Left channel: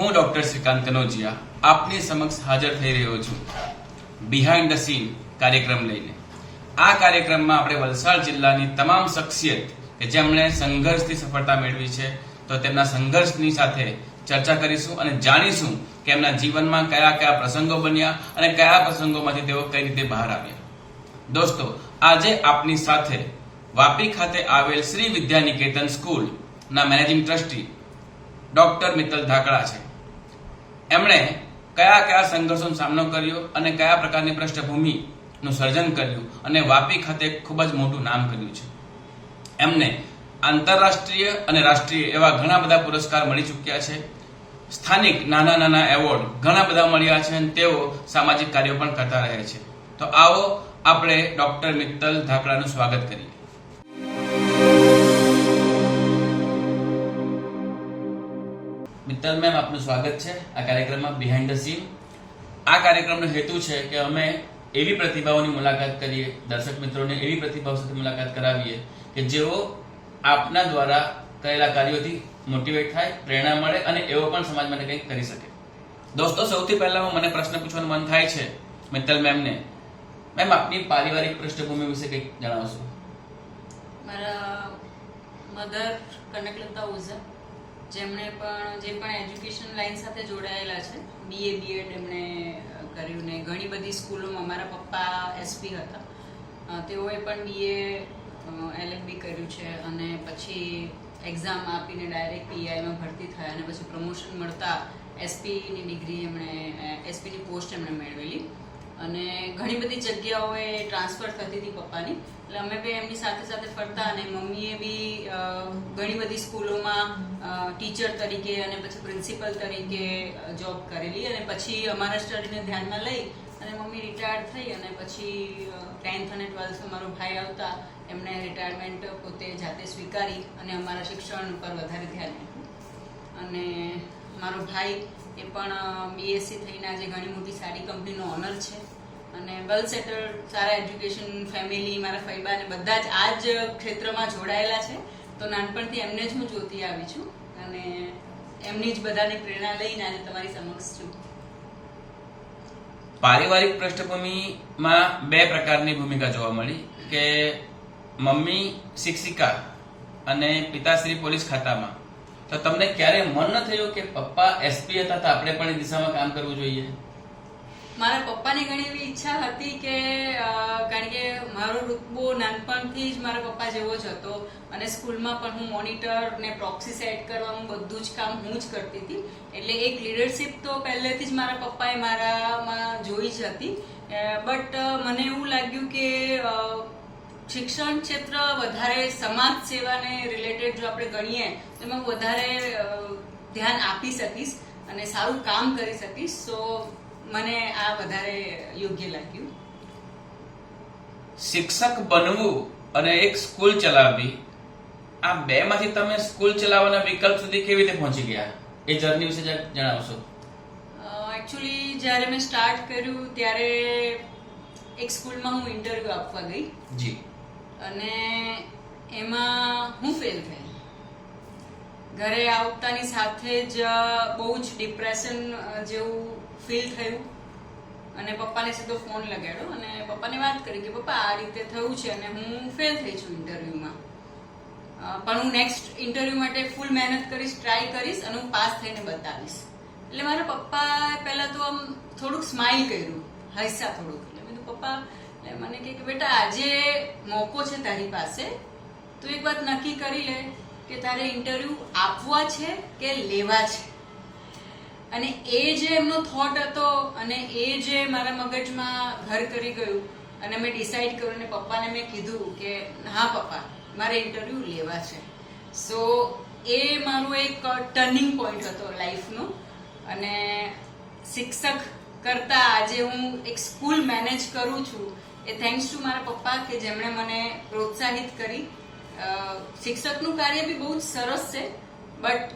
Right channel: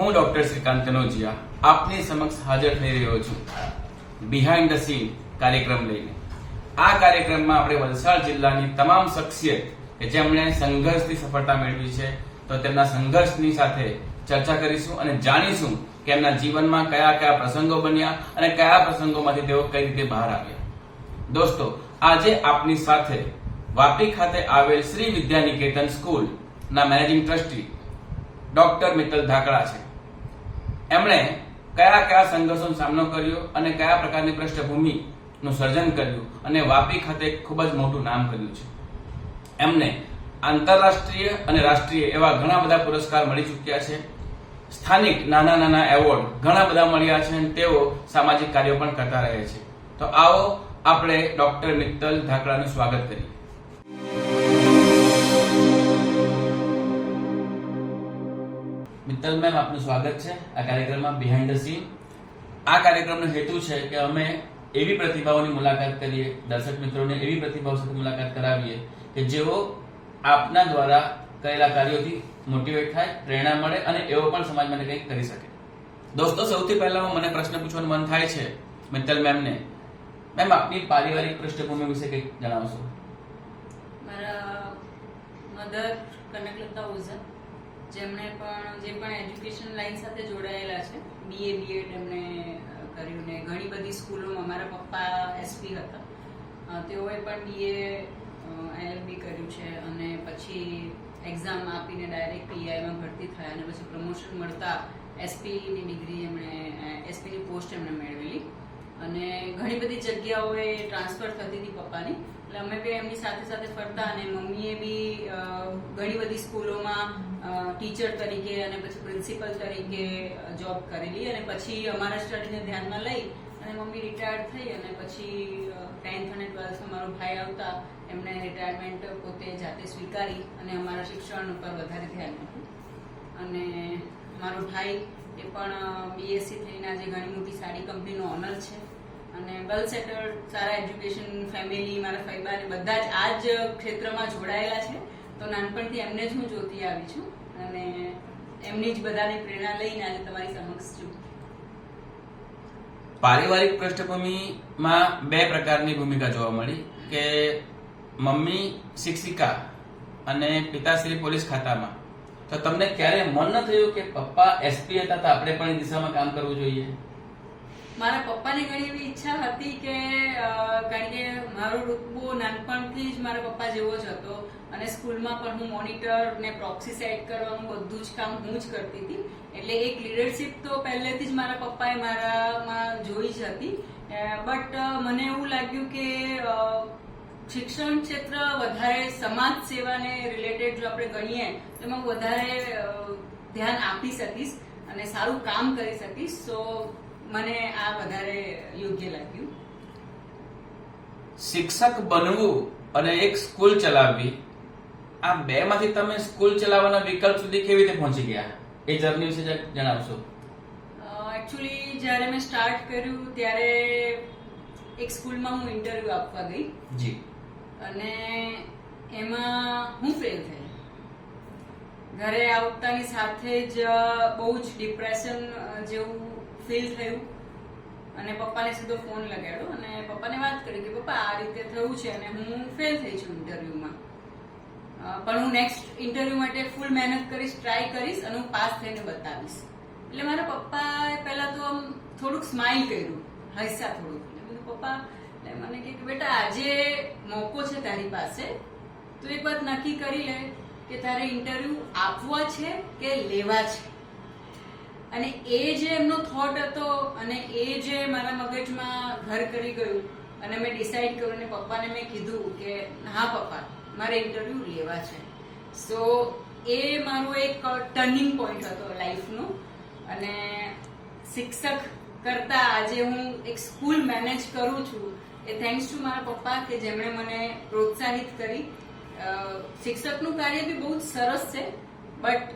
હું ડોક્ટર શ્રીકાંત કનોજિયા આપની સમક્ષ હાજર થઈ રહ્યો છું બિહાઇન્ડ ધ સીન કાર્યક્રમ લઈને. આ કાર્યક્રમમાં આપણે વલસાડ જિલ્લાની તમામ શખ્સિયત કે જેમણે સંઘર્ષથી સફળતા મેળવી છે તો તેમના સંઘર્ષની સાથે ચર્ચા કરીશું અને જાણીશું કે એમના જીવનમાં કયા કયા પ્રસંગો બન્યા અને કયા પ્રસંગોમાંથી તેઓ કઈ રીતે બહાર આવ્યા. દોસ્તો, આજે આપની સાથે વાપી ખાતે આવેલ શ્રી વિદ્યા નિકેતન સ્કૂલ ના મેનેજિંગ ટ્રસ્ટી ડોક્ટર મિત્તલ ધાકડા છે. એમણે કયા કયા સંઘર્ષોનો સામનો કર્યો અને કયા પ્રકારની પૃષ્ઠભૂમિનું સર્જન કર્યું અને વાપી ખાતે ખૂબ જ મોટું નામ કર્યું છે. એમને આંતરરાષ્ટ્રીય અને રાષ્ટ્રીય એવા ઘણા બધા પુરસ્કાર મળી ચૂક્યા છે. સ્થાનિક નાના નાના એવોર્ડ ઘણા બધા મળ્યા છે અને તેઓ સામાજિક કાર્યો પણ કરતા રહે છે. તો આવો આપણે ડોક્ટર મિત્તલ ધાકડાનું સ્વાગત કરીએ. મિત્તલ મેમ, આપનું સ્વાગત છે આ કાર્યક્રમમાં બિહાઇન્ડ ધ સીન. આ કાર્યક્રમનો હેતુ છે કે અમે એવી પ્રતિભાઓની મુલાકાત કરીએ, દર્શક મિત્રોને એવી પ્રતિભાઓ સાથે મુલાકાત કરાવીએ કે જેઓ આપના દ્વારા કરેલા કાર્યોથી મોટિવેટ થાય, પ્રેરણા મળે અને એવો પણ સમાજ માટે કંઈક કરી શકે. દોસ્તો, સૌથી પહેલા મને પ્રશ્ન પૂછવાનું મન થાય છે મિત્તલ મેમને. મેમ, આપની પારિવારિક પૃષ્ઠભૂમિ વિશે કંઈક જણાવશો? મારા મધર કનકલતા ઓઝા, જેમણે જે પણ એજ્યુકેશન લાઈન સાથે જોડાયેલા છે, બીએ બીએડ એમણે કર્યું ને ઘણી બધી સ્કૂલોમાં. મારા પપ્પા એસપી હતા, તેઓએ પણ બીએ એલએલબી કર્યું છે અને પછી એક્ઝામ આપીને ડાયરેક્ટ પીઆઈમાં ભરતી થયા અને પછી પ્રમોશન મળતા એસપીની ડિગ્રી એસપીની પોસ્ટ એમણે મેળવેલી અને ઘણી બધી જગ્યાઓએ ટ્રાન્સફર થતી હતી પપ્પાની, એટલે અમે બી એમની સાથે સાથે ફરતા અને મમ્મીએ બી ઘણી બધી સ્કૂલોમાં ટીચર તરીકે અને પછી પ્રિન્સિપલ તરીકે જોબ કરેલી અને પછી અમારા સ્ટડીને ધ્યાનમાં લઈ અને મમ્મી રિટાયર્ડ થઈ અને પછી 10th અને 12th મારો ભાઈ આવતા એમણે રિટાયરમેન્ટ પોતે જાતે સ્વીકારી અને અમારા શિક્ષણ ઉપર વધારે ધ્યાન આપ્યું. અને મારો ભાઈ એ પણ બીએસસી થઈને આજે ઘણી મોટી સારી કંપનીનો ઓનર છે અને વેલ સેટલ્ડ, સારા એજ્યુકેશન, ફેમિલી, મારા ફૈબા ને બધા જ આ જ ક્ષેત્રમાં જોડાયેલા છે. તો નાનપણથી એમને જ હું જોતી આવી છું અને એમની જ બધાની પ્રેરણા લઈને આજે તમારી સમક્ષ છું. પારિવારિક પૃષ્ઠભૂમિમાં બે પ્રકારની ભૂમિકા જોવા મળી કે મમ્મી શિક્ષિકા અને પિતાશ્રી પોલીસ ખાતામાં. તો તમને ક્યારે મન ન થયું કે પપ્પા એસપી હતા તો આપણે પણ એ દિશામાં કામ કરવું જોઈએ? મારા પપ્પાની ઘણી એવી ઈચ્છા હતી કે કારણ કે મારો રૂતબો નાનપણથી જ મારા પપ્પા જેવો જ હતો અને સ્કૂલમાં પણ હું મોનિટર ને પ્રોક્સી સેટ કરવાનું બધું જ કામ હું જ કરતી હતી. એટલે એક લીડરશિપ તો પહેલેથી જ મારા પપ્પાએ મારામાં જોઈ જ હતી. બટ મને એવું લાગ્યું કે શિક્ષણ ક્ષેત્ર વધારે સમાજ સેવાને રિલેટેડ જો આપણે ગણીએ તો એમાં વધારે ધ્યાન આપી શકીશ અને સારું કામ કરી શકીશ. સો મને આ વધારે યોગ્ય લાગ્યું. શિક્ષક બનવું અને એક સ્કૂલ ચલાવવી, આ બે માંથી તમે સ્કૂલ ચલાવવાના વિકલ્પ સુધી કેવી રીતે પહોંચી ગયા? એ જર્ની વિશે જણાવશો? એકચ્યુઅલી જ્યારે મેં સ્ટાર્ટ કર્યું ત્યારે એક સ્કૂલમાં હું ઇન્ટરવ્યુ આપવા ગઈ જી અને એમાં હું ફેલ થઈ. ઘરે આવતાની સાથે જ બહુ જ ડિપ્રેશન જેવું ફીલ થયું અને પપ્પાને સીધો ફોન લગાડ્યો અને પપ્પાને વાત કરી કે પપ્પા આ રીતે થયું છે અને હું ફેલ થઈ છું ઇન્ટરવ્યુમાં, પણ હું નેક્સ્ટ ઇન્ટરવ્યુ માટે ફૂલ મહેનત કરીશ, ટ્રાય કરીશ અને હું પાસ થઈને બતાવીશ. એટલે મારા પપ્પાએ પહેલા તો આમ થોડુંક સ્માઇલ કર્યું, હસ્યા થોડુંક. એટલે મેં પપ્પા મને કહે કે બેટા આજે મોકો છે તારી પાસે, તું એક વાત નક્કી કરી લે કે તારે ઇન્ટરવ્યુ આપવા છે કે લેવા છે. અને એ જે એમનો થોટ હતો અને એ જે મારા મગજમાં ઘર કરી ગયું અને મેં ડિસાઈડ કર્યું અને પપ્પાને મેં કીધું કે હા પપ્પા, મારે ઇન્ટરવ્યુ લેવા છે. સો એ મારું એક ટર્નિંગ પોઈન્ટ હતો લાઈફનો. અને શિક્ષક કરતા આજે હું એક સ્કૂલ મેનેજ કરું છું એ થેન્ક્સ ટુ મારા પપ્પા કે જેમણે મને પ્રોત્સાહિત કરી. શિક્ષકનું કાર્ય બી બહુ જ સરસ છે બટ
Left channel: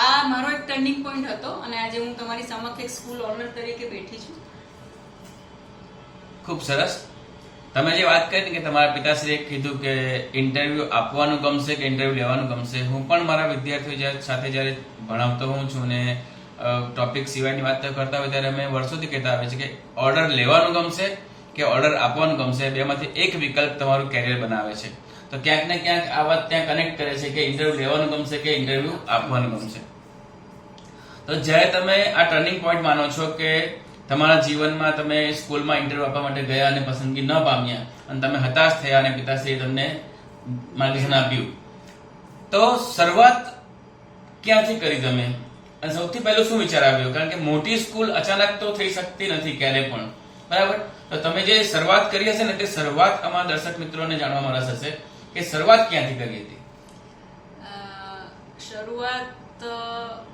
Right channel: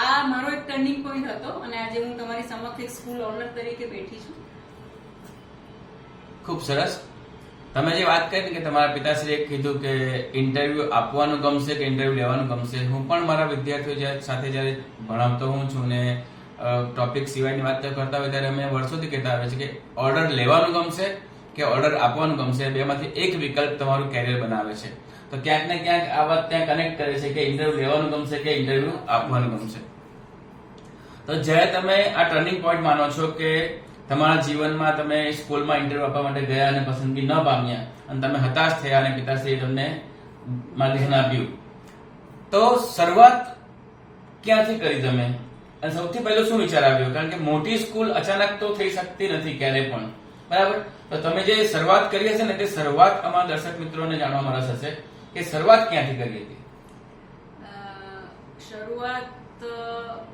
આ મારો એક ટર્નિંગ પોઈન્ટ હતો અને આજે હું તમારી સમક્ષ એક સ્કૂલ ઓનર તરીકે બેઠી છું. ખૂબ સરસ. તમે જે વાત કરી કે તમારા પિતાશ્રીએ કીધું કે ઇન્ટરવ્યુ આપવાનું ગમશે કે ઇન્ટરવ્યુ લેવાનું ગમશે, હું પણ મારા વિદ્યાર્થીઓ સાથે જ્યારે ભણાવતો હોઉં છું ને ટોપિક સિવાયની વાત કરતા હોય ત્યારે અમે વર્ષોથી કહેતા આવે છે કે ઓર્ડર લેવાનું ગમશે કે ઓર્ડર આપવાનું ગમશે, બેમાંથી એક વિકલ્પ તમારું કેરિયર બનાવે છે. તો ક્યાંક ને ક્યાંક આ વાત ત્યાં કનેક્ટ કરે છે કે ઇન્ટરવ્યુ લેવાનું ગમશે કે ઇન્ટરવ્યુ આપવાનું ગમશે. તો જ્યારે તમે આ ટર્નિંગ પોઈન્ટ માનો છો કે તમારા જીવનમાં તમે સ્કૂલમાં ઇન્ટરવ્યુ આપવા માટે ગયા અને પસંદગી ન પામ્યા અને તમે હતાશ થયા અને પિતાશ્રીએ તમને માર્ગદર્શન આપ્યું, તો શરૂઆત ક્યાંથી કરી તમે અને સૌથી પહેલું શું વિચાર આવ્યો? કારણ કે મોટી સ્કૂલ અચાનક તો થઈ શકતી નથી ક્યારે પણ, બરાબર? તો તમે જે શરૂઆત કરી હશે ને તે શરૂઆત અમારા દર્શક મિત્રોને જાણવામાં રસ હશે કે શરૂઆત ક્યાંથી કરી હતી. શરૂઆત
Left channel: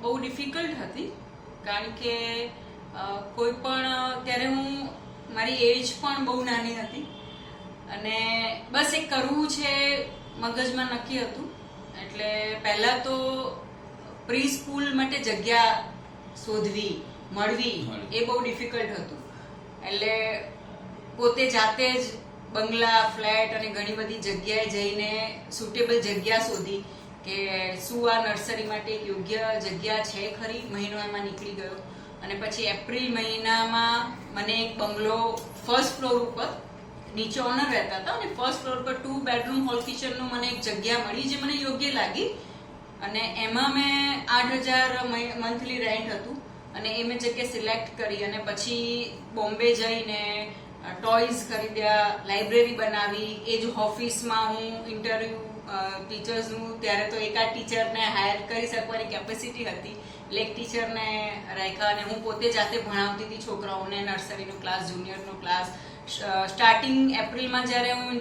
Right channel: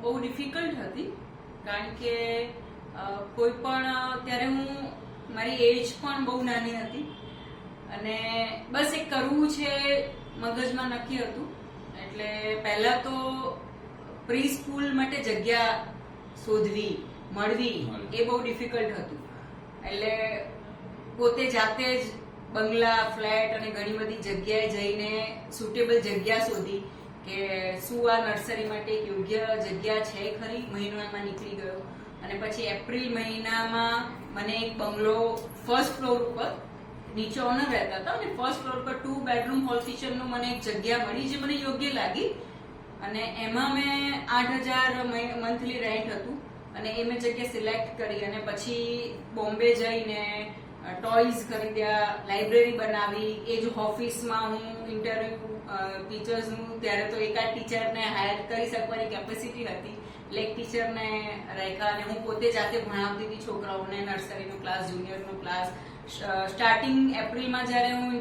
બહુ ડિફિકલ્ટ હતી, કારણ કે કોઈ પણ ત્યારે મારી એજ પણ બહુ નાની હતી અને બસ એક કરવું છે મગજમાં નક્કી હતું. એટલે પહેલા તો પ્રી સ્કૂલ માટે જગ્યા શોધવી મળવી એ બહુ ડિફિકલ્ટ હતું. એટલે પોતે જાતે જ બંગલા, ફ્લેટ અને ઘણી બધી જગ્યાએ જઈને સુટેબલ જગ્યા શોધી કે શું આ નર્સરી માટે એક યોગ્ય જગ્યા છે ખરી. મહિનો એમાં નીકળી ગયો અને પછી એપ્રિલ મહિનામાં મને એક બંગલો ફર્સ્ટ ફ્લોર ઉપર, નીચે ઓનર રહેતા હતા અને ફર્સ્ટ ફ્લોર પર 2 બેડરૂમ હોલ કિચનનું મને એક જગ્યા મળી જે મને યોગ્ય લાગી અને એમાં મેં 8,000 મંથલી રેન્ટ હતું અને એ મેં જગ્યા સિલેક્ટ કરી અને પછી બોમ્બે જઈને ટોયઝ ખરીદ્યા, લાઇબ્રેરી બનાવી. એ જ ઓફિસમાં હું ઇન્ટરવ્યુ ટીચર્સનું, ત્યારે તો એકાદ ટીચરને હાયર કરી શકવાની કેપેસિટી હતી એટલે એક ટીચરને રાખ્યા અને હું પોતે જાતે ભણાવતી હતી છોકરાઓને. નર્સરીનો ક્લાસ, જુનિયરનો ક્લાસ. સ્ટાર્ટિંગ એપ્રિલમાં જ્યારે હું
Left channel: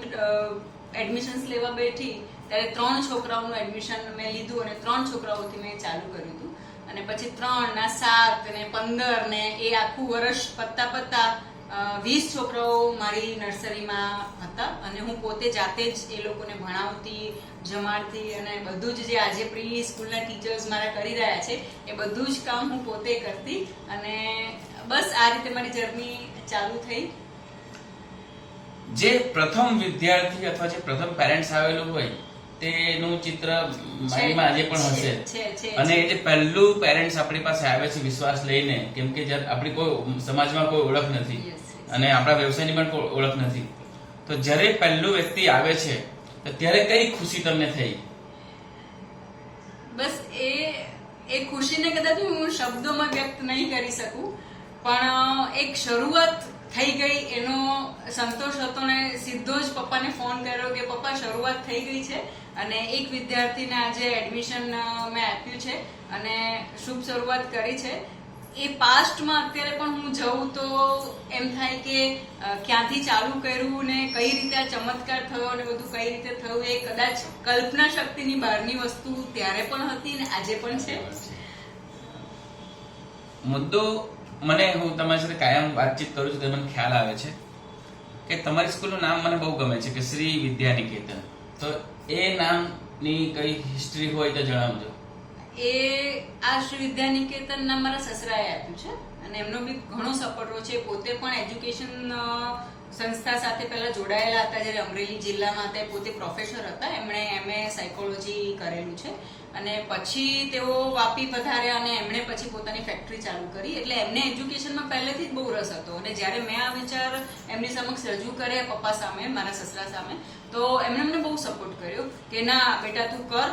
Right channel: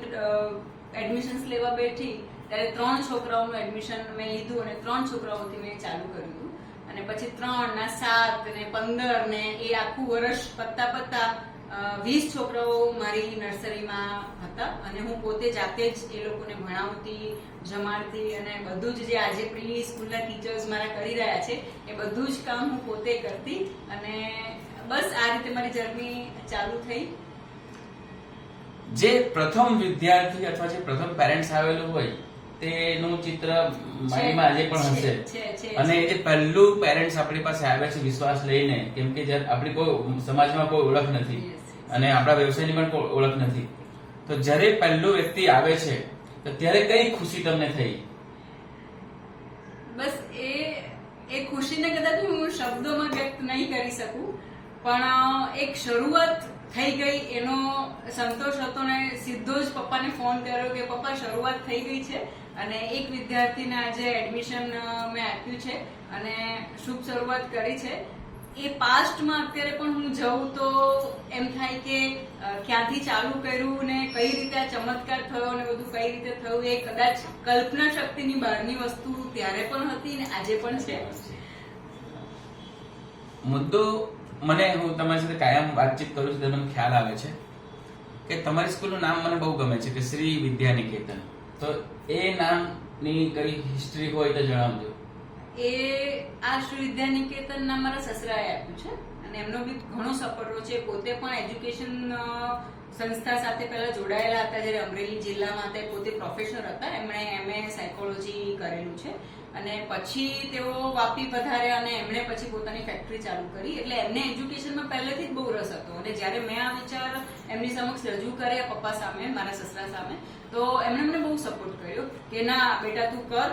એડમિશન્સ લેવા બેઠી ત્યારે 3 છોકરાઓનું એડમિશન મેં લીધું અને 3 છોકરાઓથી મેં ચાલુ કર્યું હતું અને પછી 3 ના 7 ને 15 ને એ આખું વર્ષ પત્તા 20 છોકરાઓ મારી નર્સરીમાં હતા અને હું પોતે જાતે જ એ લોકોને ભણાવતી, જમાડતી અને બધું જ જે આજે પ્રી સ્કૂલના ટીચર્સ મારા કરી રહ્યા છે એ બધું જ કામ હું પોતે કરતી અને બસ આ રીતે મારી જર્ની ચાલુ થઈ. જે પ્રથમ વિદ્યાર્થી અથવા જે પ્રથમ પેરેન્ટ્સ આવેલું હોય તેનું ચિત્ર માઇન્ડમાં આજે પણ હશે અને જે પહેલું પેરેન્ટ્સ આપણી પાસે આવે છે વિશ્વાસ લઈને, કેમ કે આપણી કોઈ સમાજમાં કોઈ ઓળખ નથી અને આપણા વ્યવસાયની પણ કોઈ ઓળખ નથી, તો જ્યારે પહેલું વ્યક્તિ આવે છે તો ત્યારે કઈ ખુશી તમને થઈ? બસ એ ખુશીને કદાચ હું શબ્દોમાં વ્યક્ત નહીં કરી શકું, પણ એક શરૂઆત થઈ ગઈ એનો સંતોષ હતો ને સીધો જ પપ્પાને ફોન કર્યો કે પપ્પા શરૂઆત થઈ ગઈ છે અને એક વિદ્યાર્થીને આજે એડમિશન મેં આપ્યું છે અને શુભ શરૂઆત કરી છે. એ પાસ્ટમાં અત્યારે પણ હું જઉં તો એમ થાય કે ક્યાંથી ચાલુ કર્યું ને કઈ રીતે આ ચમત્કાર થયો ને બધું કઈ રીતે થયું એ કદાચ કલ્પના શક્તિની બહારની વસ્તુ ત્યારે પણ હતી ને આજે પણ છે. મુદ્દો મને, હું તમારી સાથે કાયમ વાતચીત કરું છું તો મને ખ્યાલ આવે છે કે તમારી સ્કૂલનું નામ મને બહુ ગમે છે કે શ્રી વિદ્યાનિકેતન. તો એ નામની કઈ હિસ્ટ્રી હોય તો જણાવજો. આ શ્રી વિદ્યાનિકેતન નામ મારા સસરાએ આપ્યું છે અને એમનો બી ઘણો સપોર્ટ છે. પોતે પણ એજ્યુકેશન સંસ્થા સાથે પહેલા જોડાયેલા હતા જ્યારે અમરેલી જિલ્લામાં હતા. પોતે પ્રોફેસર હતા, એમણે MA સાયકોલોજી કરેલું છે અને પછી તેઓ વાપી પધાર્યા અને એમણે પછી પોતાની ફેક્ટરી ચાલુ કરી. એટલે એમને એજ્યુકેશનમાં પહેલેથી જ બહુ રસ હતો અને જ્યારે મેં આ વિચાર એમની સમક્ષ રજૂ કર્યા પપ્પા સામે, મારા સસરા સામે, તો એમણે મને બહુ સપોર્ટ કર્યો કે ના બેટા તું કર,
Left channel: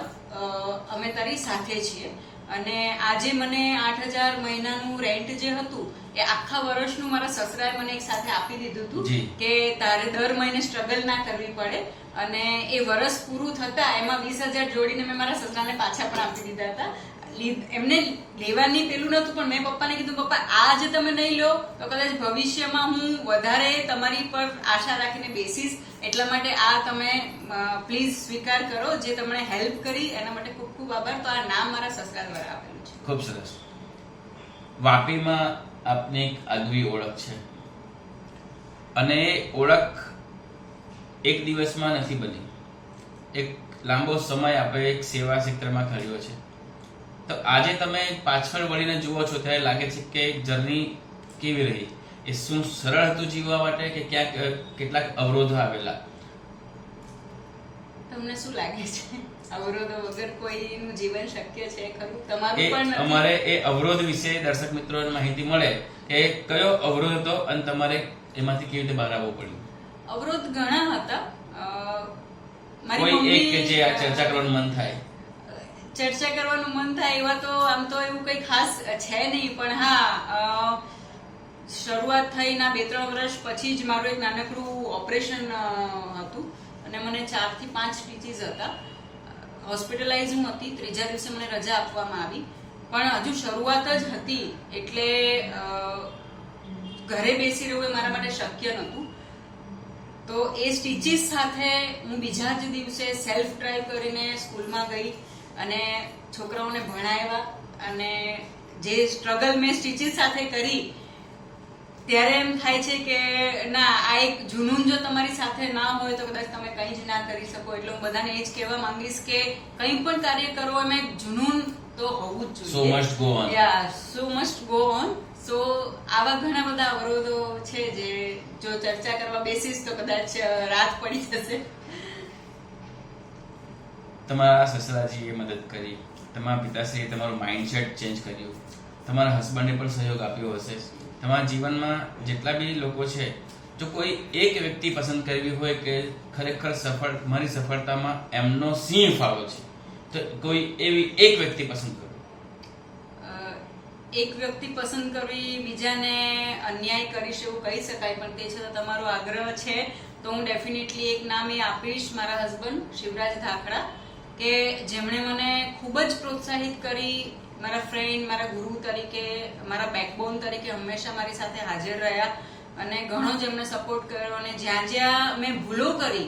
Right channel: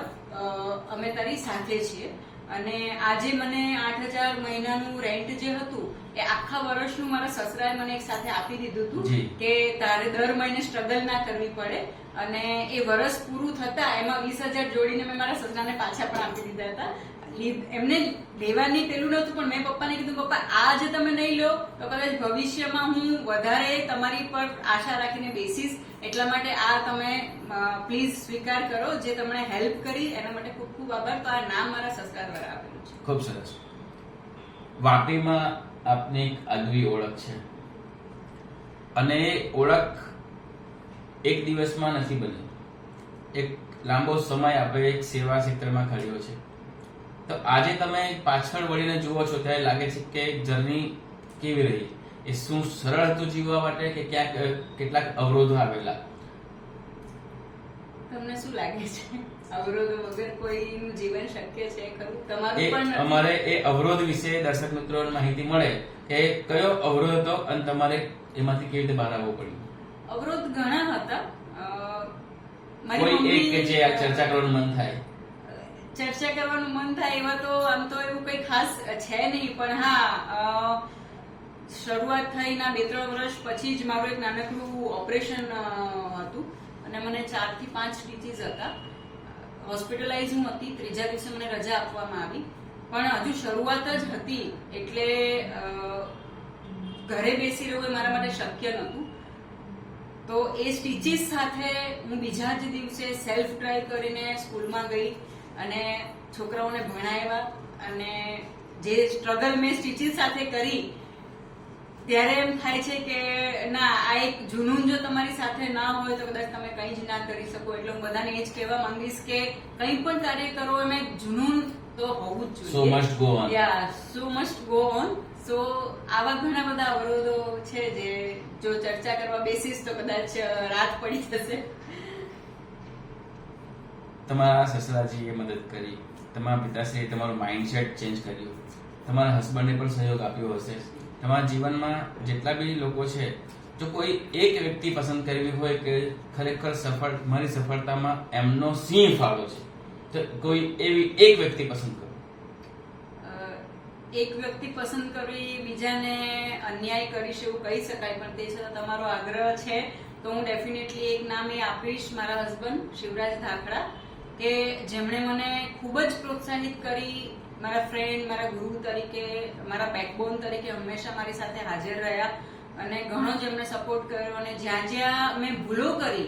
અમે તારી સાથે છીએ. અને આજે મને 8,000 મહિનાનું રેન્ટ જે હતું એ આખા વર્ષનું મારા સસરાએ મને એક સાથે આપી દીધું હતું કે તારે દર મહિને સ્ટ્રગલ ના કરવી પડે અને એ વર્ષ પૂરું થતા એમાં 20,000 જોડીને મેં મારા સસરાને પાછા પણ આપી દીધા હતા. એમને લેવાની પેલું નતું, પણ મેં પપ્પાને કીધું પપ્પા આ જે તમે નહીં લો તો કદાચ ભવિષ્યમાં હું વધારે તમારી પર આશા રાખીને બેસીશ, એટલા માટે આ તમે પ્લીઝ સ્વીકાર કરો. જે તમને હેલ્પ કરી એના માટે ખૂબ ખૂબ આભાર. તો આ નામ મારા સસરા દ્વારા આપેલું છે. ખૂબ સરસ. વાપીમાં આપની એક આગવી ઓળખ છે અને એ ઓળખ એક દિવસમાં નથી બની, એક લાંબો સમય આપણે એક સેવા ક્ષેત્રમાં કર્યો છે. તો આજે તમે પાછળ વળીને જુઓ છો ત્યારે લાગે છે કે જર્ની કેવી રહી? એ શું સરળ હતું જીવવા માટે કે ક્યાંક કેટલાક અવરોધો આવેલા? તમને શું લાગે છે? અવરોધો વગર કોઈનું જીવન શક્ય છે ખરું? તમારું એ પણ નથી. અમારે એ અવરોધ વિશે દર્શક મિત્રોને માહિતી મળે કે કયો અવરોધ હતો અને તમારે એમાંથી કેવી રીતે બહાર આવવું પડ્યું. અવરોધ ઘણા હતા. કોઈ એક કે જે આ ચર્ચા કરવાનું મન થાય. ચર્ચા કરવાનું મન થાય એવા તો આમ તો એવું કઈ ખાસ છે નહીં, પણ હા, શરૂઆત થઈના 2-3 વર્ષ પછી જ મારું એક નાનકડું ઓપરેશન હતું અને મને 4 થી 5 સ્ટીચીસ હતા. હોસ્પિટલાઇઝ હું હતી. 3જા દિવસે મને રજા આપવામાં આવી, પણ હજુ શરૂઆત જ હતી એટલે ઘરે બેસી રહેવું એ મારા માટે શક્ય નહોતું. તો એ સ્ટીચીસ સાથે હું બીજા જ દિવસે સેલ્ફ ડ્રાઈવ કરીને સ્કૂલમાં ગઈ અને છોકરાઓને ભણાવ્યા. અને જે સ્ટ્રગલ મેં સ્ટીચીસ સાથે કરી ત્યારે એમ થાય છે કે ના, આ એક જુનૂન જો તમારી સાથે ના હોય તો કદાચ તમે કંઈ જ ના કરી શકો. એટલે હું બધાને એ જ કહેવા માંગીશ કે કંઈ પણ કાર્ય કરો એમાં એક જુનૂન તો હોવું જ જોઈએ. So must go on. So must go on. સો આવા ઘણા બધા અવરોધો છે જે જો ચર્ચા કરવા બેસીશ તો કદાચ રાત પડી જશે. તમારા સસરાજીએ મદદ કરી, તમારા પિતાશ્રીએ તમારું માઇન્ડસેટ ચેન્જ કર્યું, તમારા હસબન્ડે પણ સહયોગ આપ્યો હશે. તમારા જીવનમાં જેટલા બી લોકો છે, જો કોઈ એક વ્યક્તિ પસંદ કરવી હોય કે ખરેખર મારી સફળતામાં એમનો સિંહ ફાળો છે, તો કોઈ એવી એક વ્યક્તિ પસંદ કરો. એક વ્યક્તિ પસંદ કરવી બીજાને અન્યાય કરીશ એવું કહી શકાય, પણ તે છતાં તમારો આગ્રહ છે તો હું ડેફિનેટલી એક નામ એ આપીશ, મારા હસબન્ડ શિવરાજ ધાખડા, કે જેમણે મને ખૂબ જ પ્રોત્સાહિત કરી. મારા ફ્રેન્ડ, મારા ગુરુ તરીકે, મારા બેકબોન તરીકે હંમેશા મારી સાથે હાજર રહ્યા અને ઘણો જ એમને સપોર્ટ કર્યો. અને જ્યાં જ્યાં મેં ભૂલો કરી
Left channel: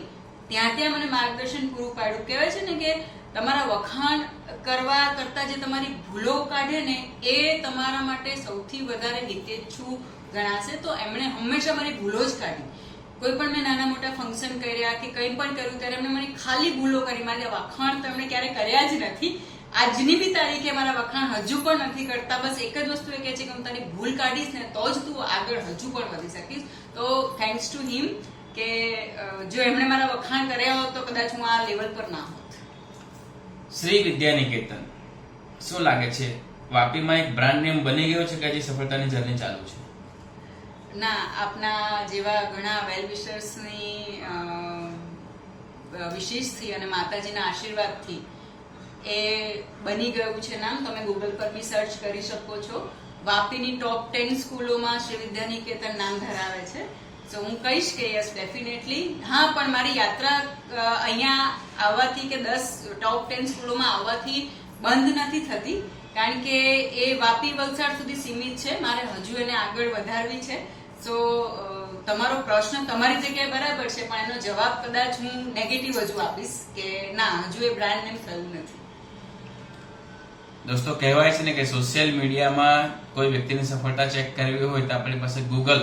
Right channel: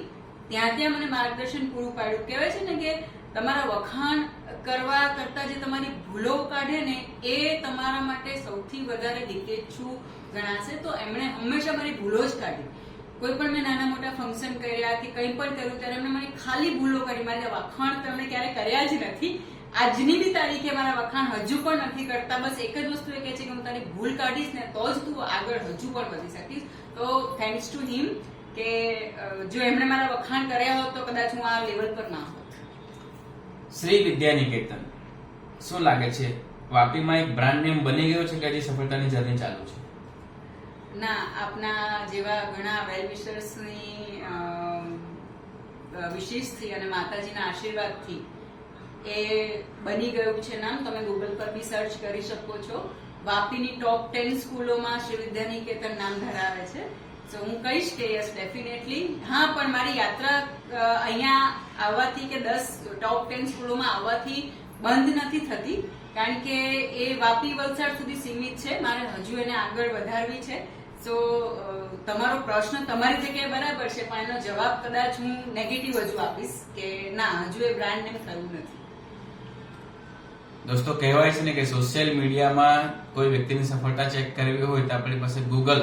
ત્યાં ત્યાં મને માર્ગદર્શન પૂરું પાડ્યું. કહેવાય છે ને કે તમારા વખાણ કરવા કરતા જે તમારી ભૂલો કાઢે ને એ તમારા માટે સૌથી વધારે હિતેચ્છુ ગણાશે. તો એમણે હંમેશા મારી ભૂલો જ કાઢી. કોઈ પણ મેં નાના મોટા ફંક્શન કર્યા કે કંઈ પણ કર્યું ત્યારે એમણે મારી ખાલી ભૂલો કરી. મારા વખાણ તો એમણે ક્યારે કર્યા જ નથી. આજની બી તારીખે મારા વખાણ હજુ પણ નથી કરતા. બસ એક જ વસ્તુ એ કહે છે કે હું તને ભૂલ કાઢીશ ને તો જ તું આગળ હજુ પણ વધી શકીશ. તો થેન્ક્સ ટુ હિમ કે જો એમણે મારા વખાણ કર્યા હોત તો કદાચ હું આ લેવલ પર ના હોત. શ્રી વિદ્યાનિકેતન શું લાગે છે, વાપીમાં એક બ્રાન્ડ નેમ બની ગયો છે કે હજી સફળતાની જર્ની ચાલુ છે? ના, આપના જેવા ઘણા વેલ વિશર્સની વિશેષથી અને માતાજીના આશીર્વાદથી એ બની ગયું છે નામ. તમે ગૂગલ પર બી સર્ચ કરી શકો છો. વાપીની ટોપ 10 સ્કૂલોમાં શ્રી વિદ્યાનિકેતન નામ ધરાવે છે. સો હું કહીશ કે યસ, ડેફિનેટલી. હા, પણ મારી યાત્રા અહીંયા આવવાથી કે 10 ટોપ 10 સ્કૂલોમાં આવવાથી બંધ નથી થતી, કારણ કે એ વાપી વલસાડ સુધી સીમિત છે. મારે હજુ એને આગળ વધારવી છે. સો તમારો પ્રશ્ન તમારી જગ્યાએ બરાબર છે, પણ એનો જવાબ કદાચ હું નેગેટિવ હજુ આપીશ કે ના, હજુ એ બ્રાન્ડ નેમ થયું નથી. દોસ્તો, કહેવાય છે ને કે સોશિયલ મીડિયામાં કોઈ વ્યક્તિની સફળતા ચેક કરવી હોય તો આપણી પાસે ગૂગલ.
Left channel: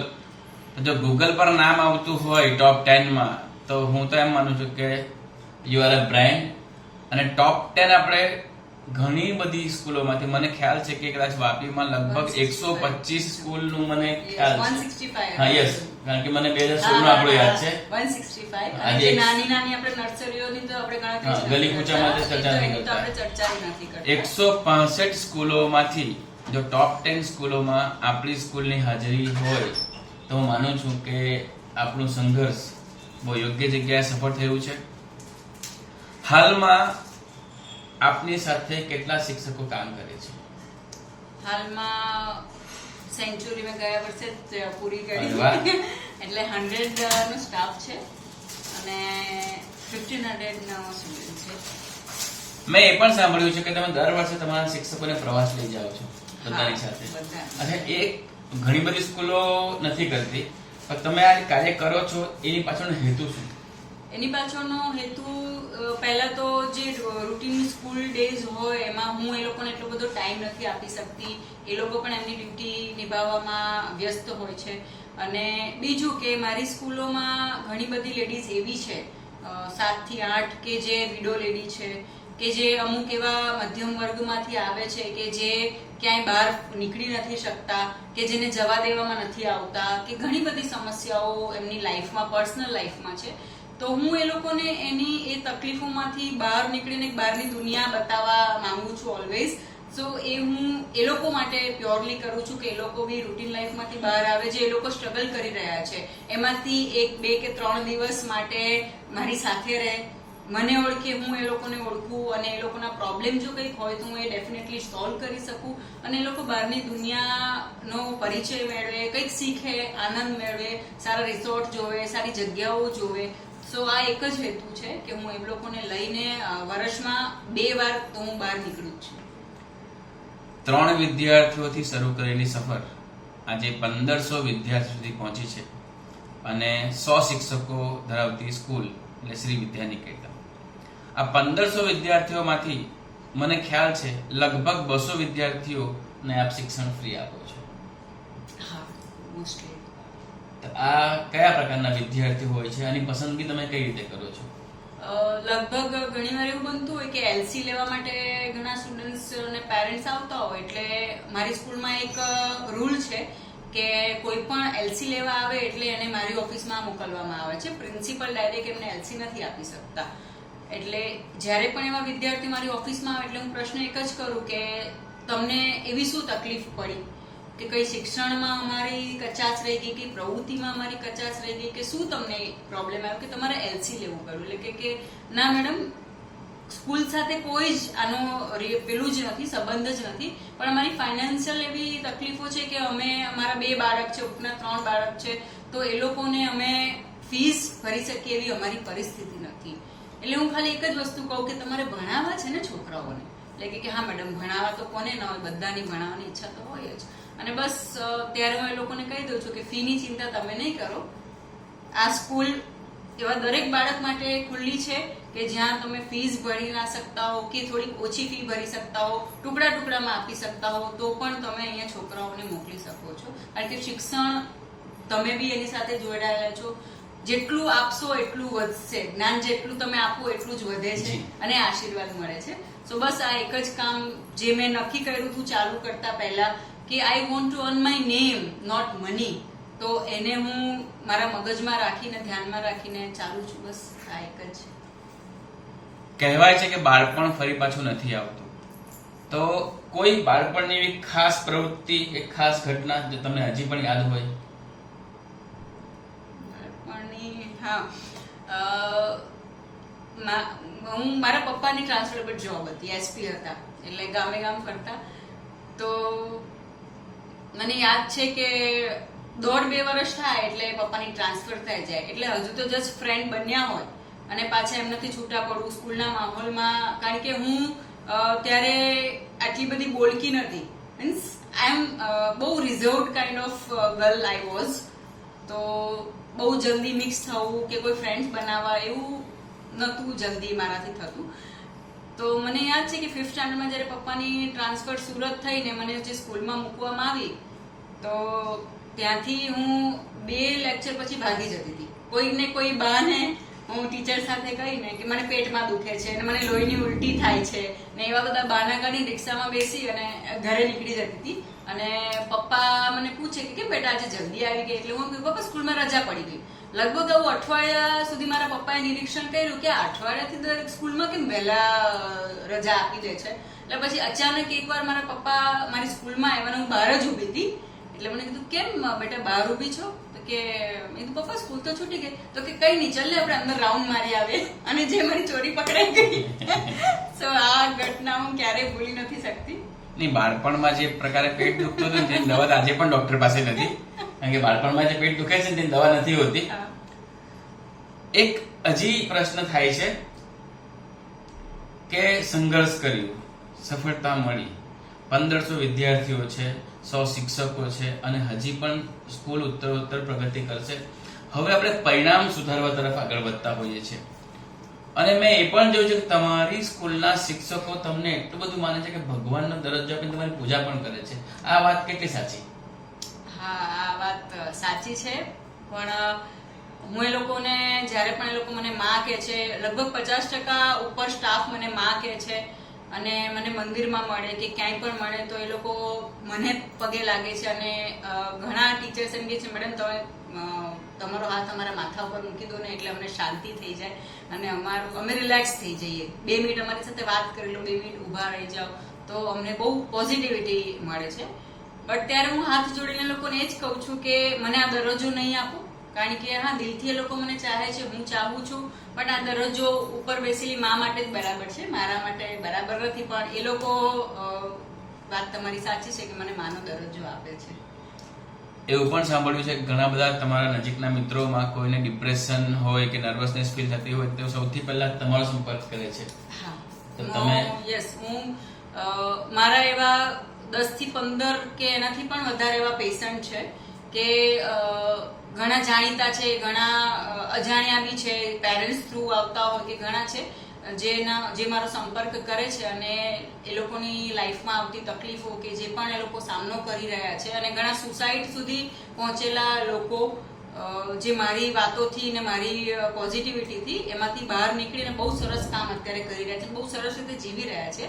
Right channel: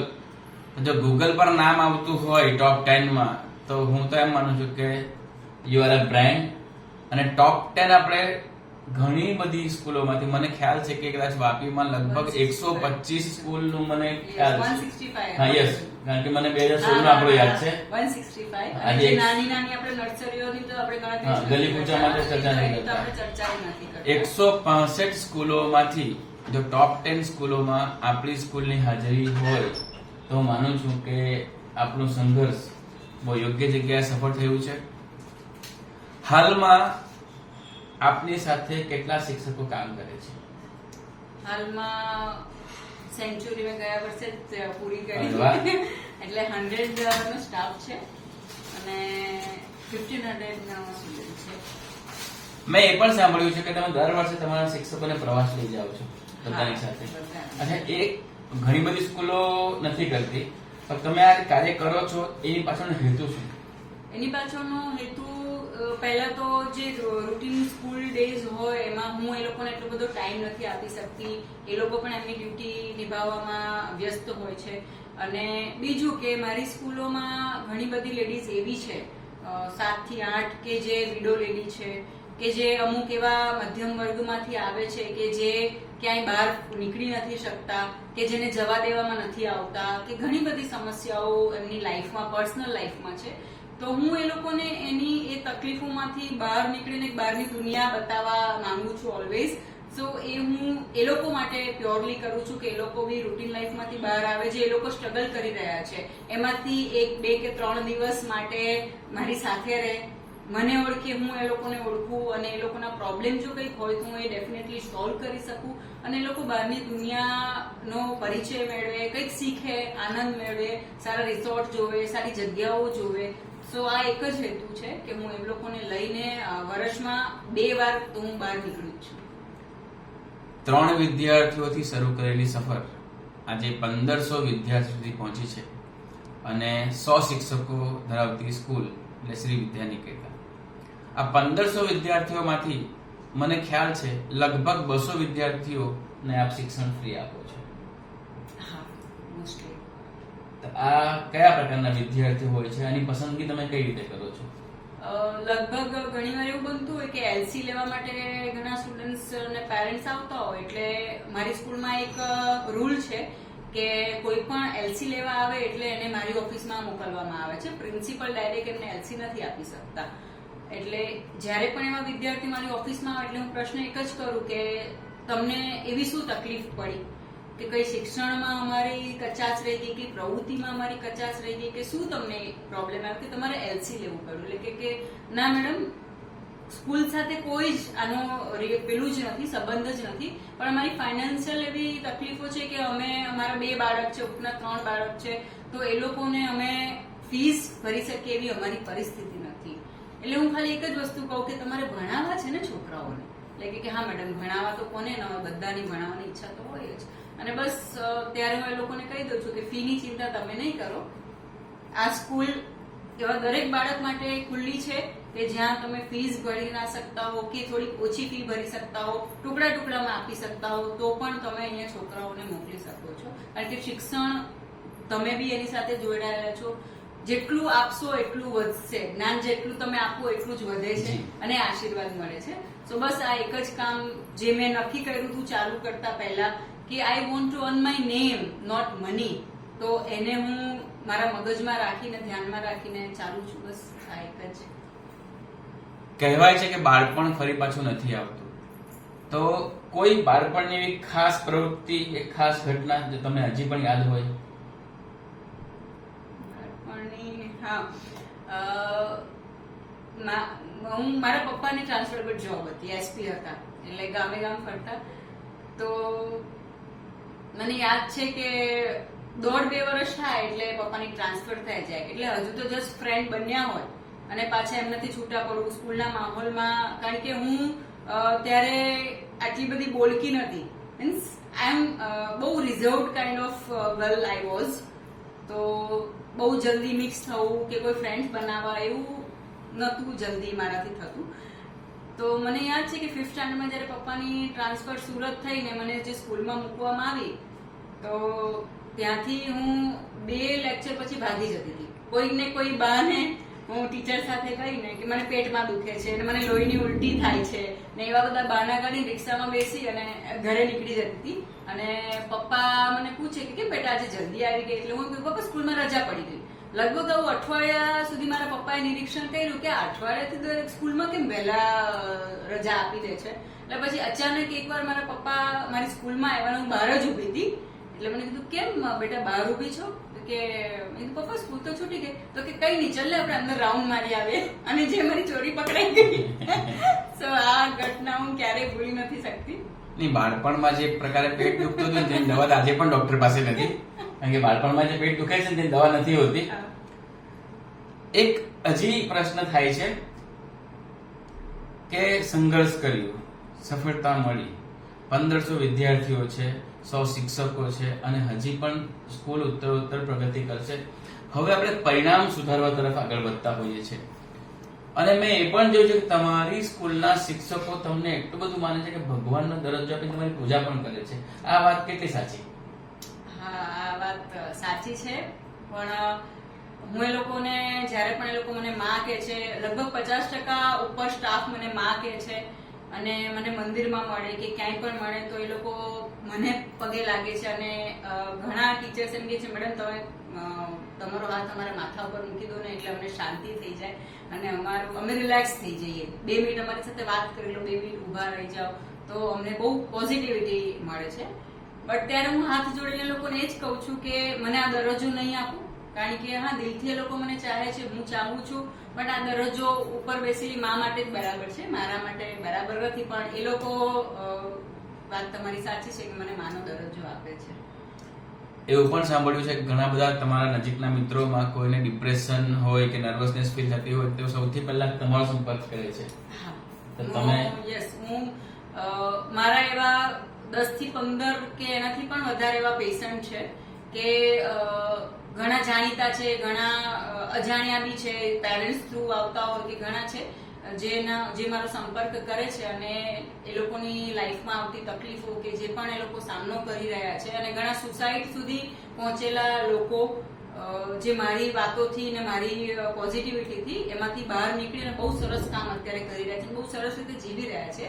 જો ગૂગલ પર નામ આવતું હોય ટોપ 10 માં, તો હું તો એમ માનું છું કે યુ આર અ બ્રાન્ડ. અને ટોપ 10 આપણે ઘણી બધી સ્કૂલોમાંથી, મને ખ્યાલ છે કે કદાચ વાપીમાં લગભગ 125 સ્કૂલનું મને ખ્યાલ છે. 165. હા, યસ, કારણ કે મને 2016 નું આપણું યાદ છે. 165. આજે નાની નાની આપણે નર્સરીઓની તો આપણે ગણતરી હા, ગલી કૂચામાં તો ચર્ચા નહીં કરતા. આપણે ચર્ચા નથી કરતા. 165 સ્કૂલોમાંથી જો ટોપ 10 સ્કૂલોમાં આપણી સ્કૂલની હાજરી હોય તો હું માનું છું કે આપણું સંઘર્ષ બહુ યોગ્ય જગ્યાએ સફળ થયું છે. હાલમાં આપની સાથે કેટલા શિક્ષકો કામ કરે છે? હાલમાં સેન્ચુરી મેં ગયા વર્ષે જ પૂરી કરી, વાહ. એટલે 100 નો સ્ટાફ છે અને 1500 નો સ્ટુડન્ટ છે. મેં એ પણ સાંભળ્યું છે કે તમે દર વર્ષે તમારા શિક્ષકોને પ્રવાસ લઈ જાઓ છો બધાની સાથે. બધા. અચ્છા, એ ઘણી બધી સ્કૂલો નથી કરતી, પણ તમે આ કાર્ય કરો છો એની પાછળનો હેતુ શું? એની પાછળનો હેતુ પહેલા તો જે રૂટીન સ્કૂલ ડેઝ હોય એમાં હું એ લોકોને એટલો બધો ટાઈમ નથી આપી શકતી. એ લોકો પણ એમની ડ્યુટી નિભાવવામાં વ્યસ્ત હોય છે. અને બીજું કે મારી સ્કૂલોમાં ઘણી બધી લેડીઝ એવી છે 7 થી 8 કે જે વિડો લેડી છે, કે જે અમુક એવા મધ્યમ વર્ગમાંથી આવે છે કે જે ક્યાંય બહાર નીકળી નથી શકતા, કે જેને જવા દેવામાં નથી આવતા, કે ઘણી બધી સમસ્યાઓ એમની લાઈફમાં, પર્સનલ લાઈફમાં છે. તો તો હું એ લોકોને એની એ તકલીફોમાંથી બહાર નીકળીને એક બહારની દુનિયા બતાવવા માંગુ છું ઓલવેઝ. સો એ હું એ લોકો માટે પ્યોરલી કરું છું કે એ લોકો બી રૂટીન લાઈફમાંથી બહાર આવે, જે એ લોકો સ્ટ્રગલ કરી રહ્યા છે એમાંથી 1, 2 કે 3 દિવસ માટે મારી સાથે રહે, મને ઓળખે, હું એ લોકોને ઓળખું અને એ લોકોના પ્રોબ્લેમ જો કંઈક હોય તો હું એ ડેફિનેટલી સોલ્વ કરી શકું અને એ લોકો બહારની દુનિયાનો પરિચય મેળવે, કંઈક શીખે, આનંદ મેળવે, સારા રિસોર્ટ જોવે, સારી જગ્યાઓ જોવે. સો આ એક જ હેતુ છે કે હું એ લોકોને લઈને વર્ષમાં 2 વાર તો હું બહાર નીકળું છું. 3 વિદ્યાર્થીઓથી શરૂ કરેલી સફર આજે 1500 વિદ્યાર્થીઓ સુધી પહોંચી છે અને 100 શિક્ષકો ધરાવતી સ્કૂલ એટલે શ્રી વિદ્યા નિકેતન. આ 1500 વિદ્યાર્થીઓમાંથી મને ખ્યાલ છે લગભગ 200 વિદ્યાર્થીઓને આપ શિક્ષણ ફ્રી આપો છો. હા, મોસ્ટલી. તો આ કયા પ્રકારના વિદ્યાર્થીઓ હોય છે, આની પસંદગી તમે કઈ રીતે કરો છો? લગભગ ઘણીવાર એવું બનતું હોય કે એલસી લેવા માટે ઘણા સ્ટુડન્ટ્સ અને પેરેન્ટ્સ આવતા હોય, એટલે મારી સ્કૂલમાં એક રૂલ છે કે કોઈ પણ એલસી લેવા આવે એટલે એને મારી ઓફિસમાં મોકલવામાં આવે છે. પ્રિન્સિપલ ડાયરેક્ટ એમને એલસી નથી આપી શકતા. એટલે જ્યારે પણ એવા વિદ્યાર્થી મારી ઓફિસમાં આવે એટલે હું પ્રશ્ન એક જ કરું કે તમને એવી શું તકલીફ પડી કે કઈ શિક્ષણમાં અમારી કચાશ રહી ગઈ કે પ્રવૃત્તિમાં અમારી કચાશ રહી ગઈ કે શું તમને પ્રોબ્લેમ આવ્યો કે તમારે એલસી લેવું પડ્યું? એટલે કે ના મેડમ, સ્કૂલ સાથે કોઈ જ આનો પેલું જ નથી, સંબંધ જ નથી, પણ અમારી ફાઇનાન્શિયલ એવી તકલીફો છે કે અમે અમારા 2 બાળક છે, ઉપરના 3 બાળક છે, તો એ લોકોને અમે ફીસ ભરી શકીએ એવી અમારી પરિસ્થિતિ નથી. એટલે હું ખાલી એક જ વસ્તુ કહું કે તમારે ભણાવવા છે ને છોકરાઓને, એટલે કે હા મેડમ, ભણાવવા તો કોને ના હોય, બધાની ભણાવવાની ઈચ્છા તો હોય જ. અને બસ ત્યારે હું એ લોકોને કહી દઉં છું કે ફીની ચિંતા તમે નહીં કરો, આ સ્કૂલ એવા દરેક બાળક માટે ખુલ્લી છે કે જ્યાં તમે ફીસ ભરી ના શકતા હો કે થોડીક ઓછી ફી ભરી શકતા હો, ટુકડા ટુકડામાં આપી શકતા હો, તો પણ તમે અહીંયા છોકરાઓને મોકલી શકો છો. કારણ કે શિક્ષણ તમે બી એની સાથે જોડાયેલા છો. જેટલું આપશો એટલું વધશે, જ્ઞાન જેટલું તમે આપો એટલું જ વધે છે અને આશીર્વાદ મળે છે. સો બસ આ એક જ કામ જે મેં નક્કી કર્યું હતું ચાલુ કરતા પહેલા કે I want to earn my name, not money, તો એને હું મારા મગજમાં રાખીને, ધ્યાનમાં રાખીને ચાલુ છું. બસ આ એક જ. કહેવાય છે કે બાળપણ ફરી પાછું નથી આવતું, તો કોઈ બાળપણની એવી ખાસ પ્રવૃત્તિ, એક ખાસ ઘટના જે તમને હજી પણ યાદ હોય? બાળપણની, હા, હું મારા પપ્પાની ટ્રાન્સફરેબલ જોબ હતી, એસપી હતા, એટલે ગામે ગામ ફરતા. તો મને યાદ છે કે 1.5-2 વર્ષ થાય એટલે પપ્પાની ટ્રાન્સફર થઈ જાય, એટલે હજુ તો જસ્ટ ફ્રેન્ડ બન્યા હોય અને પાછા એમનાથી છૂટા પડવું સ્કૂલના માહોલમાં. કારણ કે હું ત્યારે આટલી બધી બોલકી નથી, મીન્સ આઈ એમ બહુ reserved kind of girl I was. તો બહુ જલ્દી મિક્સ થવું કે કોઈ ફ્રેન્ડ્સ બનાવવા એવું નહોતું જલ્દી મારાથી થતું. તો મને યાદ છે કે 5th સ્ટાન્ડર્ડમાં જ્યારે પપ્પાની ટ્રાન્સફર સુરત થઈને મને જે સ્કૂલમાં મૂકવામાં આવી, તો ત્યાંથી હું 2 લેક્ચર પછી ભાગી જતી હતી. કોઈક ને કોઈ બહાને હું ટીચર સાથે કહીને કે મને પેટમાં દુખે છે અને મને લોહીની ઉલટી થાય છે ને એવા બધા બહાના કાઢી રિક્ષામાં બેસી અને ઘરે નીકળી જતી હતી. અને પપ્પા મને પૂછે કે કેમ બેટા આજે જલ્દી આવી ગઈ? એટલે હું કહ્યું પપ્પા સ્કૂલમાં રજા પડી ગઈ. લગભગ આવું અઠવાડિયા સુધી મારા પપ્પાએ નિરીક્ષણ કર્યું કે અઠવાડિયાથી સ્કૂલમાં કેમ વહેલા રજા આપી દે છે. એટલે પછી અચાનક એકવાર મારા પપ્પા મારી સ્કૂલમાં આવ્યા, હું બહાર જ ઊભી હતી. એટલે મને કીધું કેમ બેટા બહાર ઊભી છો? તો કે મેં કીધું પપ્પા સ્કૂલ તો છૂટી ગઈ. તો કે કઈ નહીં, ચાલ ને આપણે અંદર રાઉન્ડ મારી આવે. અને જે મારી ચોરી પકડાઈ ગઈ. સો આ ઘટના હું ક્યારેય ભૂલી નથી શકતી. નહીં, બાળપણમાં જે પ્રકારે પેટ દુખતું હતું તેની દવા આજે પણ ડોક્ટર પાસે નથી, કારણ કે બાળપણમાં જે પેટ દુખે છે તેની દવા નથી હોતી. એક હજી પ્રશ્ન થાય છે કે સંઘર્ષ કર્યું, સફળતા મળી, 1500 વિદ્યાર્થીઓ છે, 100 શિક્ષકો છે અને હજી પણ સ્કૂલ ઉત્તરોત્તર પ્રગતિ કરશે. હવે આપણે પરિણામ સુધારવા તરફ આગળ વધતા હોઈએ છીએ અને મેં એ પણ જોયું છે કે તમારી સ્કૂલના શિક્ષકો તમને એટલું બધું માને છે કે ભગવાનનો દરજ્જો આપીને તમારી પૂજા પણ કરે છે. આ વાત કેટલી સાચી? હા, આ વાત સાચી છે. પણ હું એ લોકોને જ્યારે પણ એ લોકો મને માં કહે છે, લગભગ 50% ઉપર સ્ટાફ મને માં કહે છે અને મને મંદિરમાં મળે કે ક્યાંય પણ મળે તો એ લોકો મને પગે લાગે છે. અને ઘણા ટીચર્સ એમ કહે છે મેડમ તમે તમારો હાથ અમારા માથા ઉપર મૂકી દો ને એટલે અમને શાંતિ થઈ જાય અને અમે રિલેક્સ થઈ જઈએ. 2 મિનિટ અમારી સાથે વાત કરી લો, 2 મિનિટ ઊભા રહી જાઓ તો અમને બહુ પોઝિટિવિટી મળે છે. બટ ત્યારે હું હાથ જોડીને લોકોને એ જ કહું છું કે મને આ દરજ્જો નહીં આપો, કારણ કે હા દિલથી એ લોકો મને ચાહે છે, હું ચાહું છું, બટ આ દરજ્જો ઉપર બેસેલી મા માટે જ બરાબર છે, મારા માટે બરાબર નથી. પણ એ લોકો વાત તમારી સાચી છે કે મને માનો દરજ્જો આપે છે. એવું પણ સાંભળ્યું છે કે ઘણા બધા તમારા નજીકના મિત્રોમાં કોઈને ડિપ્રેશન હોય કે નર્વસનેસ ફીલ થતી હોય તો સૌથી પહેલા તમારો સંપર્ક કરે છે. હા, તો તમે યસ, હું મારા એવા 10 થી 15 કે એનાથી પણ વધારે એવા પેશન્ટ છે કે ઘણા જાણીતા છે, ઘણા અજાણ્યા બી છે, પેરેન્ટ્સ થ્રુ આવતા હોય કે ઘણા છે જે મારો સંપર્ક કરે છે અને એ લોકોની લાઈફમાં આવતી તકલીફો કે જે પણ એ લોકો સામનો કરી રહ્યા છે અને ઘણા સુસાઇડ સુધી પહોંચેલા લોકો જે મારી વાતોથી ને મારી પોઝિટિવિટીથી એમાંથી બહાર નીકળીને બહુ સરસ કામ અત્યારે કરી રહ્યા છે, બહુ સરસ રીતે જીવી રહ્યા છે.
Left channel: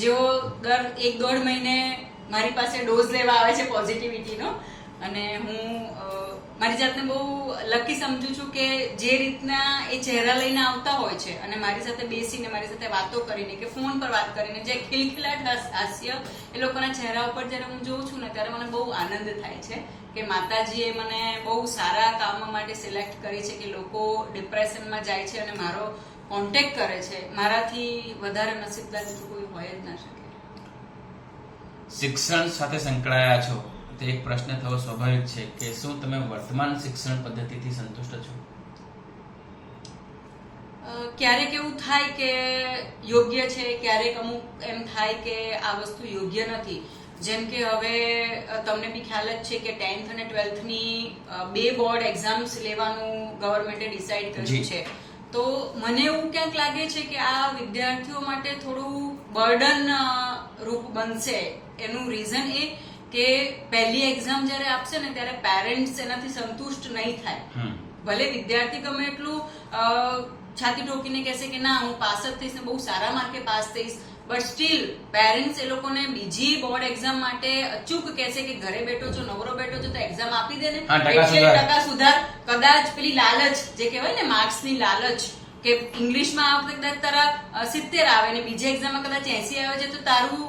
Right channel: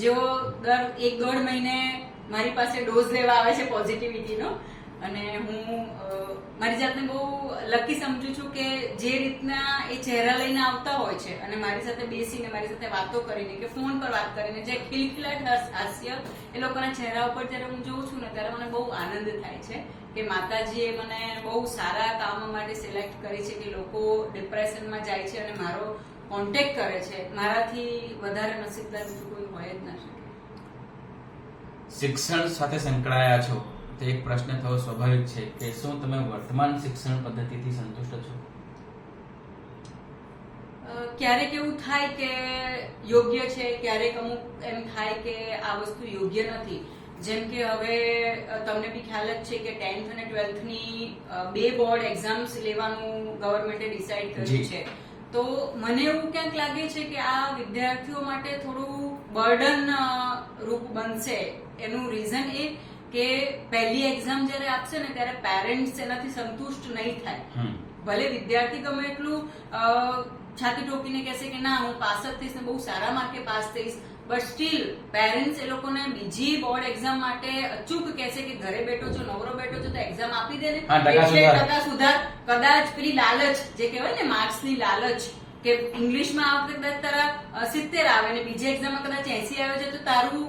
જેઓ દર 1-1.5 મહિને મારી પાસે ડોઝ લેવા આવે છે પોઝિટિવિટીનો અને હું મારી જાતને બહુ લકી સમજુ છું કે જે રીતના એ ચહેરા લઈને આવતા હોય છે અને મારી સાથે બેસીને મારી સાથે વાતો કરીને કે ફોન પર વાત કરીને જે ખિલખિલાટ હાસ્ય એ લોકોના ચહેરા ઉપર જ્યારે હું જોઉં છું ને ત્યારે મને બહુ આનંદ થાય છે કે માતાજીએ મને બહુ સારા કામ માટે સિલેક્ટ કરી છે કે લોકો ડિપ્રેશનમાં જાય છે અને મારો કોન્ટેક્ટ કરે છે. મારાથી વધારે નસીબદાર તો કોઈ હોય જ ના શકે. શિક્ષણ સાથે સંકળાયા છો તો એક પ્રશ્ન થવો સ્વાભાવિક છે કે શું તમે વર્તમાન શિક્ષણ પદ્ધતિથી સંતુષ્ટ છો? ક્યારેક એવું થાય કે યોગ્ય છે, ક્યારેક અમુક એમ થાય કે આ વસ્તુ યોગ્ય નથી. જેમ કે હવે તમને બી ખ્યાલ જ છે કે 10th અને 12th ની 2 બોર્ડ એક્ઝામ્સ લેવાનું ગવર્મેન્ટે ડિસાઈડ કર્યું છે. તો મને એવું ક્યાંક લાગે છે કે આ વિદ્યાર્થીઓ માટે થોડું બર્ડન રૂપ બનશે. એનું રીઝન એ કે પહેલી એક્ઝામ જ્યારે આપશે ને ત્યારે પેરેન્ટ્સ એનાથી સંતુષ્ટ નહીં થાય. ભલે વિદ્યાર્થી ગમે એટલું છાતી ઠોકીને કહેશે કે ના હું પાસ જ થઈશ ને બહુ સારા માર્કે પાસ થઈશ, બટ સ્ટીલ પેરેન્ટ્સ એ લોકોને બીજી બોર્ડ એક્ઝામ માટે અચૂક કહેશે કે ઘરે બેઠો છો, નવરો બેઠો છો તો એક્ઝામ આપી દે ને, એટલે ટકા સુધાર. કદાચ પેલી લાલચ જે કહેવાય ને માર્ક્સની લાલચ કે ઇંગ્લિશમાં આ વખતે કદાચ તારા 70 આવે ને બીજી એક્ઝામમાં કદાચ 80 આવે છે તો તારું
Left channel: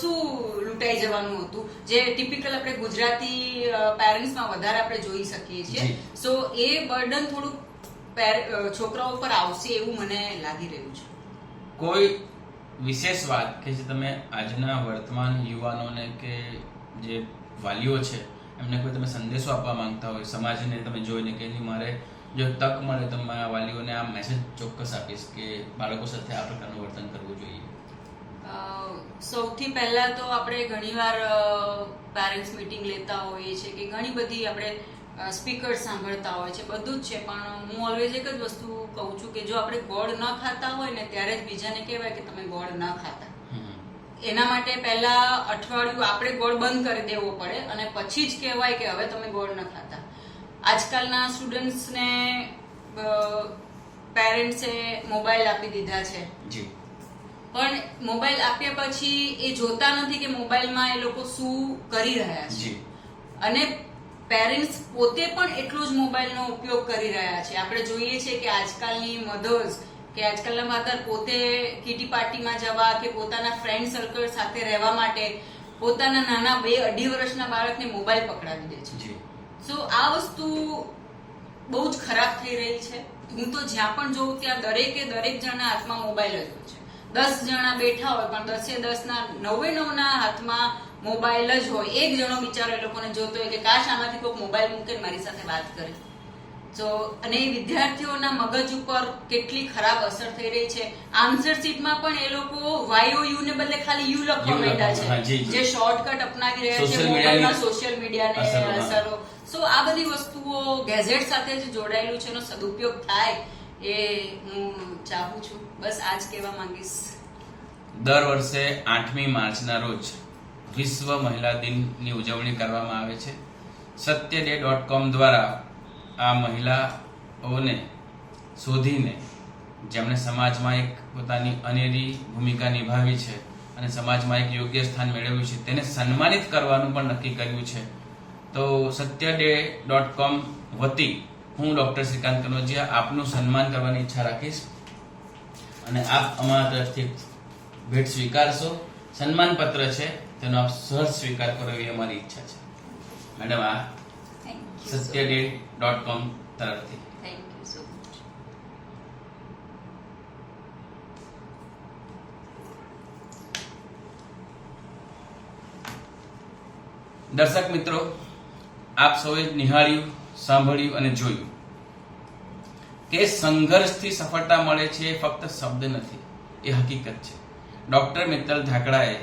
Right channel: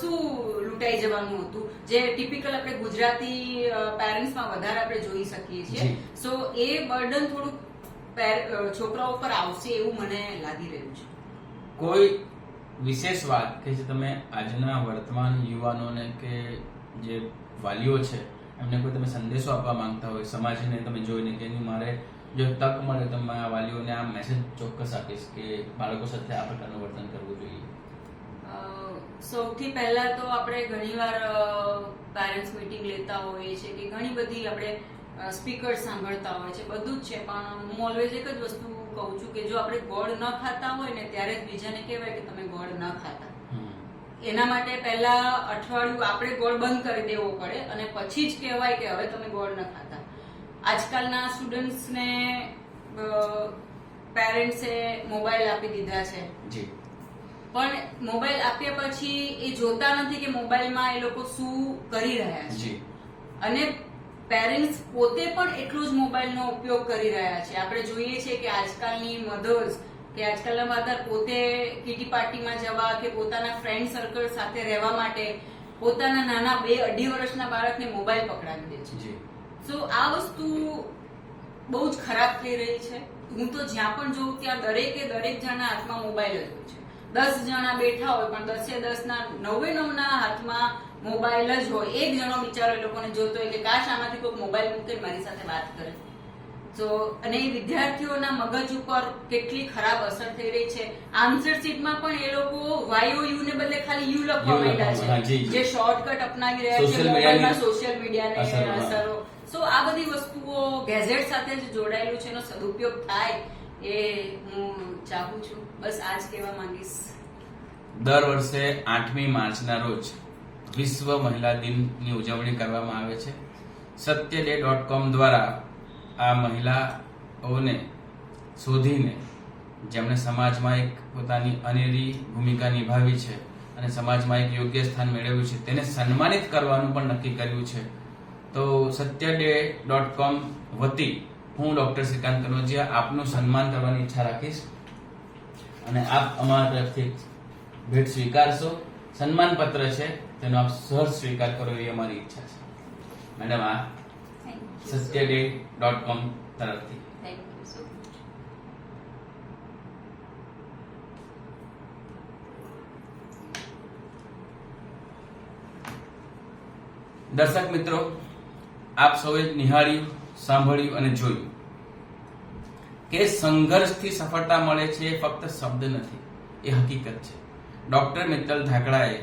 શું લૂંટાઈ જવાનું હતું, જે ટિપિકલ આપણે ગુજરાતી પેરેન્ટ્સમાં વધારે આપણે જોઈ શકીએ છીએ. સો એ બર્ડન થોડું છોકરાઓ પર આવશે એવું મને લાગી રહ્યું છે. કોઈ વિશેષ વાત કે જે તમે આજના વર્તમાન યુવાનોને કે જે વાલીઓ છે એમને કોઈ તમે સંદેશો આપવા માંગતા હોય સમાજને તમે જોઈને કે મારે જો તક મળે તો મારા વાલીઓને આ મેસેજ ચોક્કસ આપીશ કે બાળકો સાથે આ પ્રકારનું વર્તન કરવું જોઈએ? સૌથી પહેલા તો આપણે ઘણીવાર પેરેન્ટ્સ મીટિંગ લેતા હોઈએ છીએ કે ઘણી બધી આપણે સ્પીકર સાંભળતા હોય છે, બધું જ છે, પણ હું ઓલવેઝ એક જ વસ્તુ કહું છું કે જો આપણે ગોળ ન ખાતા હોય ને ત્યારે જ બીજાને કહેવાય કે તમે ગોળ ન ખાતા. એના માટે પહેલા અઠવાડિયું આપણે ગોળ બંધ કરી દેવો પડે અને પછી જ કહેવાય કે હવે તમે ગોળ ન ખાતા. આજકાલના સ્ટુડન્ટ્સને પેરેન્ટ્સે મોબાઈલ આપી દીધા છે, પણ મોબાઈલ આપ્યા પછી એ જોતા નથી કે મોબાઈલમાં એ લોકો શું કરી રહ્યા છે અને પેરેન્ટ્સ પોતે પણ એટલો જ મોબાઈલનો ઉપયોગ કરી રહ્યા છે. આપણે જોઈએ છીએ કે આજકાલની મધર્સ કે આજકાલના મધર પોતે કીટી પાર્ટીમાં જવા કે પોતાના ફ્રેન્ડ સર્કલ સાથે રહેવા માટે પોતાના નાના 2-2.5 વર્ષના બાળકને મોબાઈલ પકડાવી દે છે. સો આ વસ્તુ બહુ જ ખરાબ થઈ રહી છે. હું તો જ્યાં પણ જોઉં ત્યાં દરેક જણા હાથમાં મોબાઈલ જ હોય છે. 10 જણા બેઠા હોય પણ 10 ના 9 ના હાથમાં મોબાઈલ જ હોય. એક જણો બિચારો એ લોકોને જોતો હોય કે કાશ આમાંથી કોઈ મોબાઈલ મૂકે મારી સાથે વાત કરે. તો અને વિદ્યાર્થીઓના મગજ ઉપર કેટલી ખરાબ અસર થઈ રહી છે. આન્સર શીટમાં પણ એ લોકો YOU ને બદલે ખાલી યુ લખવા માંડ્યા છે, જે શોર્ટકટ અપનાવી રહ્યા છે મોબાઈલમાં સોશિયલ મીડિયાને અસરો. સો આ બધી વસ્તુઓ ગેઝેટ સાથે જ જોડાયેલું છે, એનો સદુપયોગ થાય એ હું ચાહું છું. બસ આ જ કહેવા માંગીશ. દર વર્ષે 8મી માર્ચના રોજ વિશ્વ મહિલા દિનની ઉજવણી કરવામાં આવે છે. satyaday.com દ્વારા આ મહિલાઓને શોધીને જેમણે સમાજમાં એક પોતાની અનેરી ભૂમિકા નિભાવી છે અને સમાજમાં એક યોગ્ય સ્થાન મેળવ્યું છે તેને સન્માનિત કરવાનું પણ નક્કી કર્યું છે. તો satyaday.com વતી હું ડોક્ટર શ્રીકાંત કનોજિયા આપનું સન્માન કરવાની ઈચ્છા રાખીશ અને આપ અમારા તરફથી ભેટ સ્વીકારશો. સન્માન પત્ર છે તેનો આપ સહજ સ્વીકાર કરો એવી અમારી ઈચ્છા છે. મેડમ, આ satyday.com તરફથી. Thank you so much. દર્શક મિત્રો, આપ સૌએ નિહાળ્યું, સાંભળ્યું અને જોયું કે સંઘર્ષથી સફળતા મળે છે એ ફક્ત શબ્દ નથી, એ હકીકત છે. ડોક્ટર મિત્તલ ધાકડાએ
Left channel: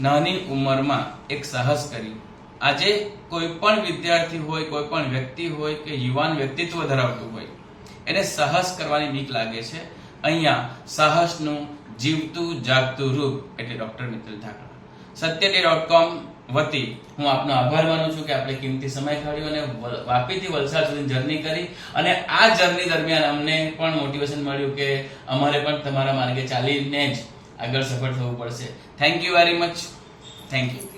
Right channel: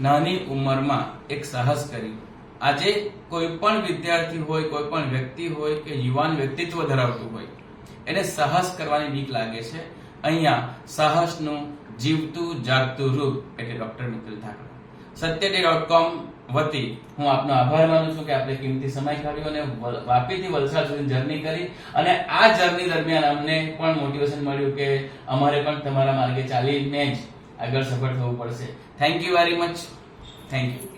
નાની ઉંમરમાં એક સાહસ કર્યું. આજે કોઈ પણ વિદ્યાર્થી હોય, કોઈ પણ વ્યક્તિ હોય કે યુવાન વ્યક્તિત્વ ધરાવતું હોય, એને સાહસ કરવાની બીક લાગે છે. અહીંયા સાહસનું જીવતું જાગતું રૂપ એટલે ડોક્ટર મિત્તલ ધાકડા. satyday.com વતી હું આપનો આભાર માનું છું કે આપણે કિંમતી સમય કાઢ્યો અને વાપીથી વલસાડ સુધી જર્ની કરી અને આ જર્ની દરમિયાન અમને પણ મોટિવેશન મળ્યું કે અમારે પણ તમારા માર્ગે ચાલીને જ આગળ સફળ થવું પડશે. Thank you very much. Thank you.